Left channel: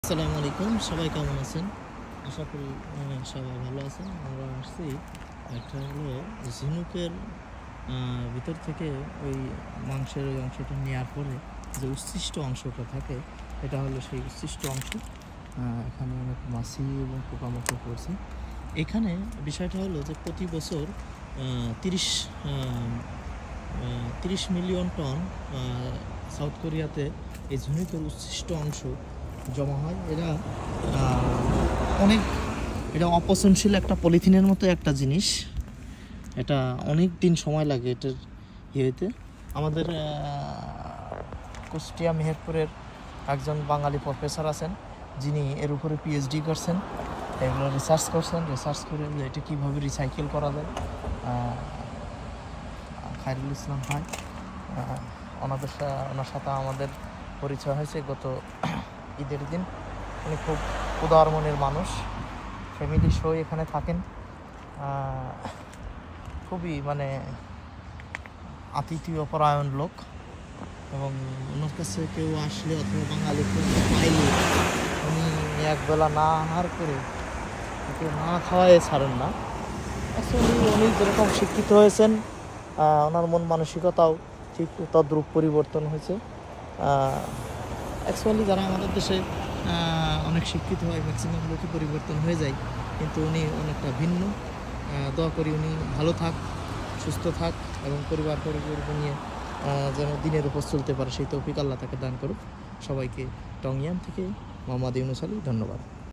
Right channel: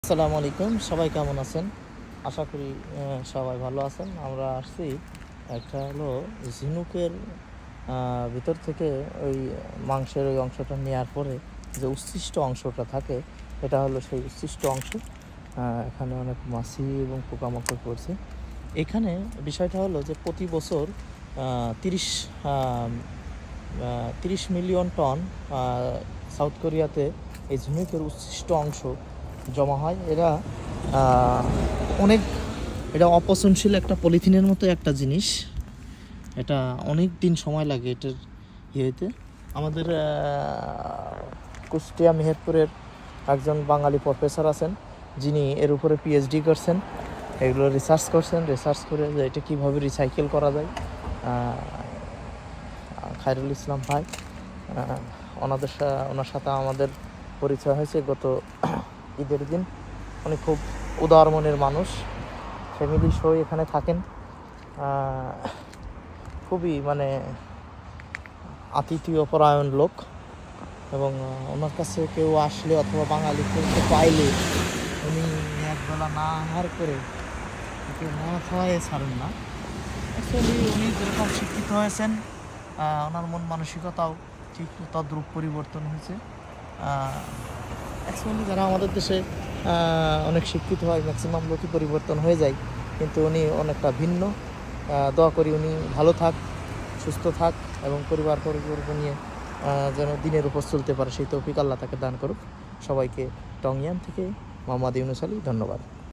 আসসালামু আলাইকুম, সবাই কেমন আছেন? আশা করি সবাই ভালো আছেন। আমরা আসছি একটা হলো ঝিনুকের ভিতর থেকে ওই মাংসের ওই অংশটা নেওয়ার পরে যে উচ্ছিষ্ট অংশটা থাকে, এটা হলো সেই উচ্ছিষ্ট অংশ। এখানে অনেক মাছি এবং পোকামাকড় পড়ছে। এখানে বিষয়টা হলো যে প্রতি বছর 30 আম, 30 মিলিয়ন টন সাউথ কোরিয়াতে এই ঝিনুকের উচ্ছিষ্ট অংশ জমা হয়। আহ, অনেক এটা অপচনশীল একটা পলিথিনের মতো একটা জিনিস। এটা অনেক দিন সময় লাগে এটার ইয়েতে। আমাদের কুষ্টিয়া মেহেরপুরের একজন বাঙালি প্রফেসর আছেন, যিনি এর উপরে পিএইচডি করছেন, এগুলো রিসার্চ করে যে এটা কীভাবে রিসাইকেল করা যায়। খায়রুল ইসলাম ভাই, ওনার সাথে আমাদের পরিচয় হয়েছে গত ঈদের দিন। উনি খুব উদার মনের মানুষ, ফ্যামিলির সহ এখানে থাকেন। খুবই মানে আতিথেয় পরায়ণ লোক, এবং ওনার কাছে কেউ আসলে অথবা বাঙালি কেউ পাইলে উনি একবেলা না আহার করে ওকে না খাওয়ায় ছাড়েন না। অ্যাকচুয়ালি উনি যেরকম শিক্ষিত হয়েছেন, ওনার মন মানসিকতাও ঠিক তদ্রূপ পরিবর্তন হয়েছে। অ্যাকচুয়ালি যারা আমাদের দেশে অনেক শিক্ষিত হয়, ম্যাক্সিমাম লোকই পরিবর্তন হয়ে যায়, কিন্তু উনি অনেকটা ভিন্ন। দোয়া করি উনি ভালো থাক, সুস্থ থাক এবং পরিবার নিয়ে যেন দিনের উপর চলতে পারে, সেই তৌফিক আল্লাহ তাকে দান করুক। সবাইকে টংয়ান থেকে মোহাম্মদ ইউনুস আলী, ধন্যবাদ।